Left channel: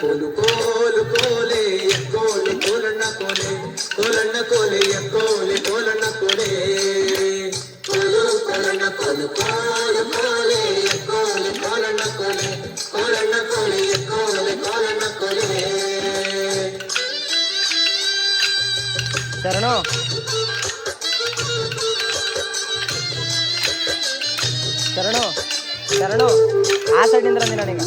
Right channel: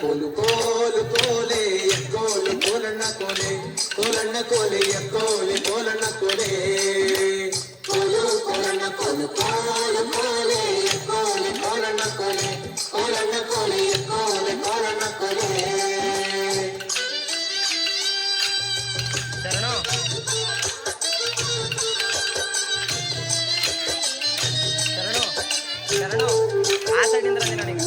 కోలు కోలు కోలే ఎక్కోలు కోలన్న కోలే కోలన్న కోలే ఎక్కోలు కోలన్న కోలే. కోలు కోలన్న కోలు కోలు కోలే ఎక్కోలు కోలన్న కోలే కోలన్న కోలే ఎక్కోలు కోలన్న కోలే. సరేనా? ಶರಣು ಶರಣು ಆ ಸೈಡಿಂದ ಬಂದಿಲ್ಲ ನೀವು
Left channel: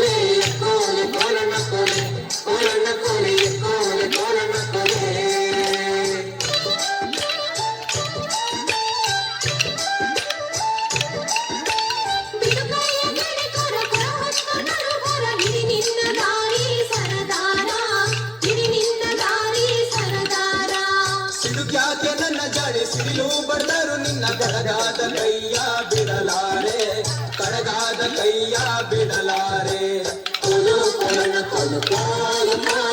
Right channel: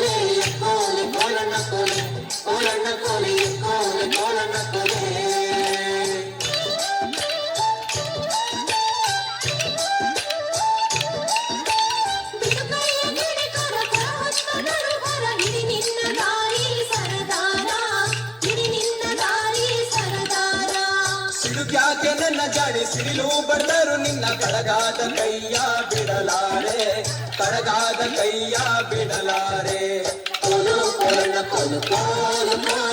ಸಿಡಿಲು ಬಡದರು ನಿನ್ನ ಕಡಗಾದ ಕೈಯ ಬಿಡಲಾರೆ. ಕಡಗಾದ ಕೈಯ ಬಿಡಲಾರೆ. ಕೋಲು ಕೋಲಣ್ಣ ಕೋಲು ಕೋಲು